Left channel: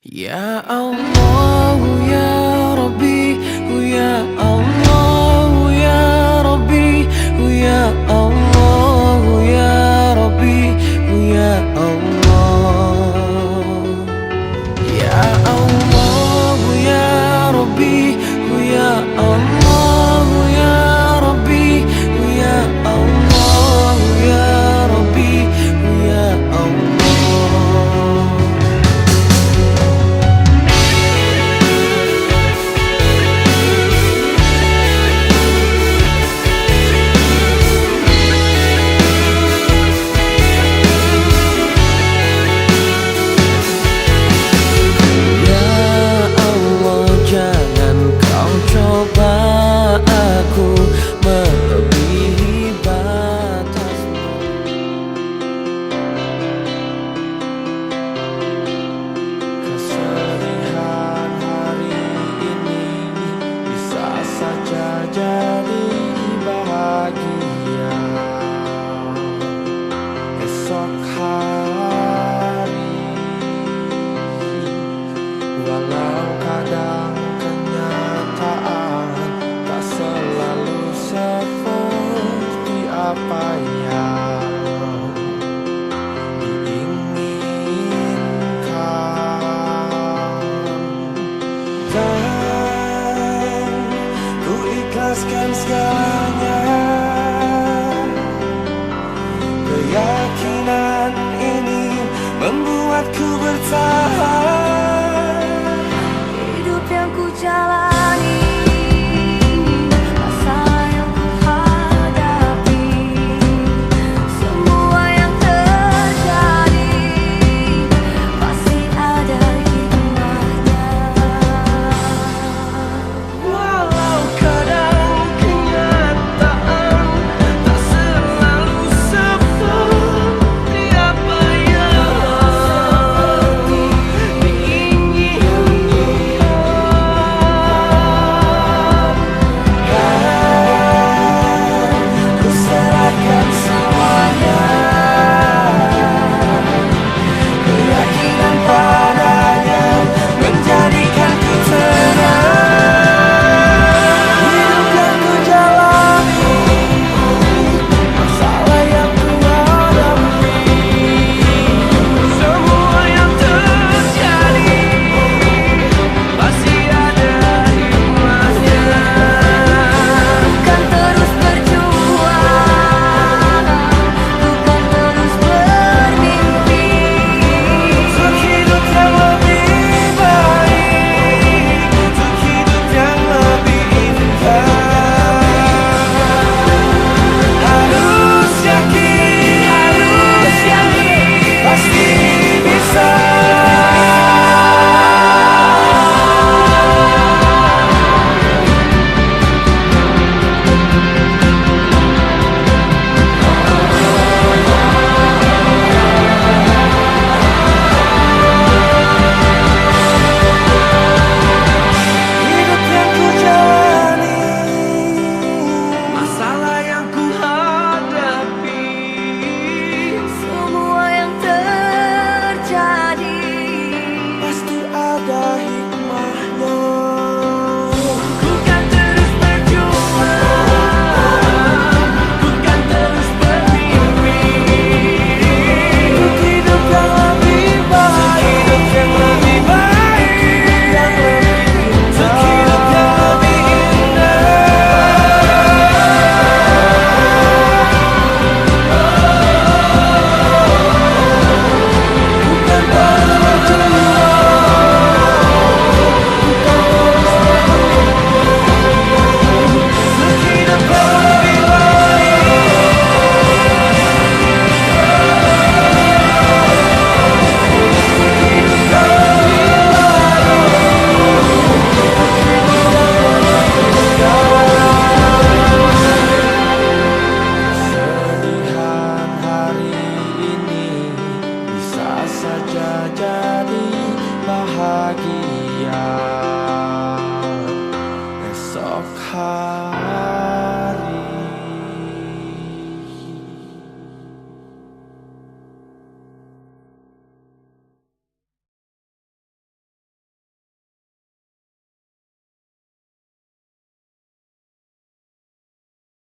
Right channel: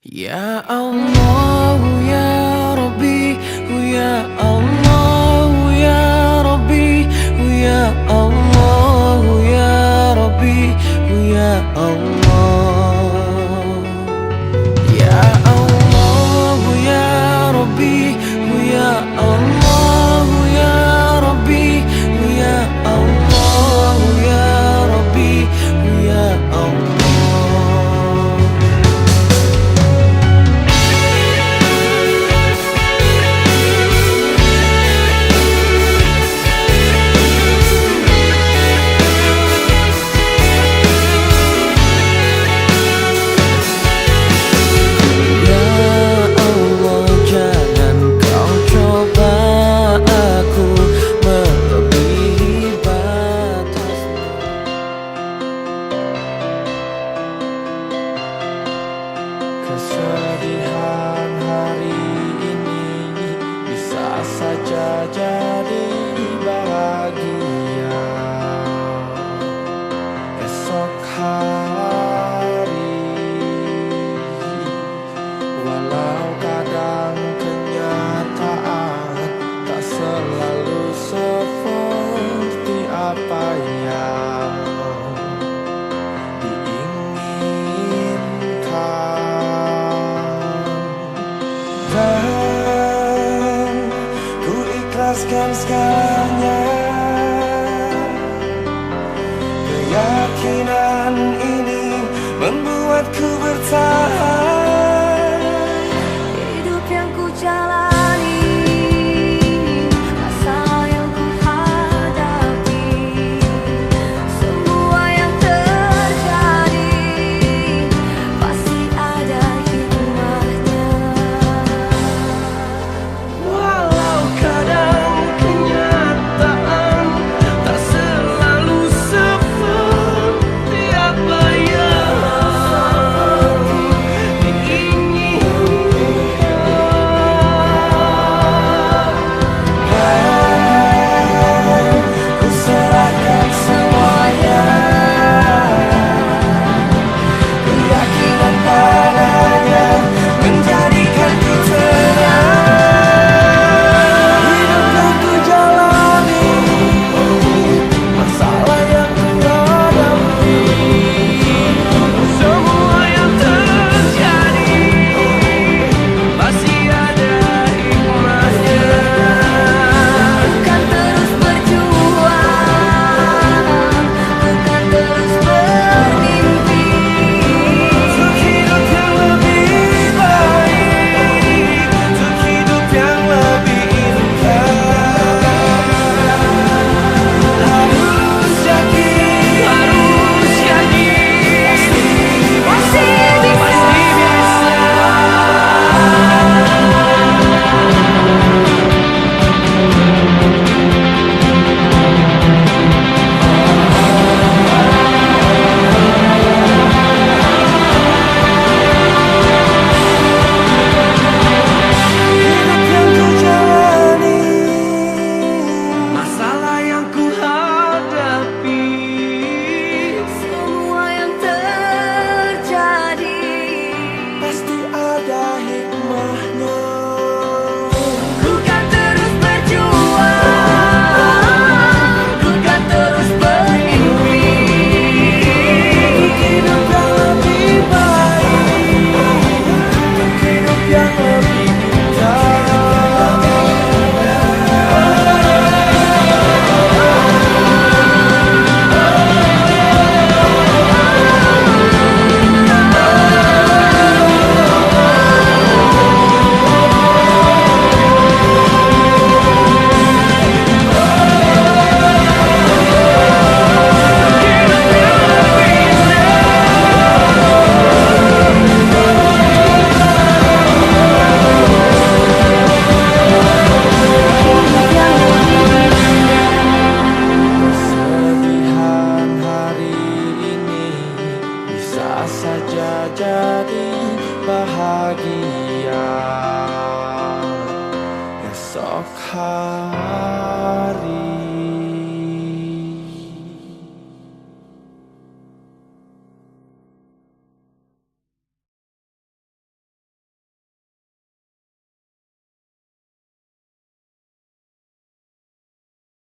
Ya Allah, ya Rabbi, ya Allah, ya Rabbi, ya Allah, ya Rabbi, ya Allah. Ya Allah, ya Rabbi, ya Allah, ya Rabbi, ya Allah, ya Rabbi, ya Allah. Kesedihan hari ini bisa saja jadi bahagia esok hari. Walau kadang kenyataan tak selalu seperti apa yang diinginkan, dan ku ikhlaskan segalanya. Keyakinan ini membuatku bertahan. Hidup yang ku jalani, masa yang ku hadapi, semua yang terjadi pasti ada hikmahnya. Walau kadang kenyataan tak selalu seperti apa yang diinginkan, kan ku serahkan semuanya. Keyakinan padanya menjadikanku tenang. Hidup yang ku jalani, masalah yang ku hadapi, semua yang terjadi pasti ada hikmahnya. Ku kan terus berjuang, ku kan terus bermimpi, Untuk hidup yang lebih baik, untuk hidup yang lebih indah. Harus yakin, pasti bisa. Hidup yang ku jalani, masalah yang ku hadapi, semua yang terjadi pasti ada hikmahnya. ku kan terus berjuang, ku kan terus bermimpi, Untuk hidup yang lebih baik, untuk hidup yang lebih indah. Kesedihan hari ini bisa saja jadi bahagia esok hari.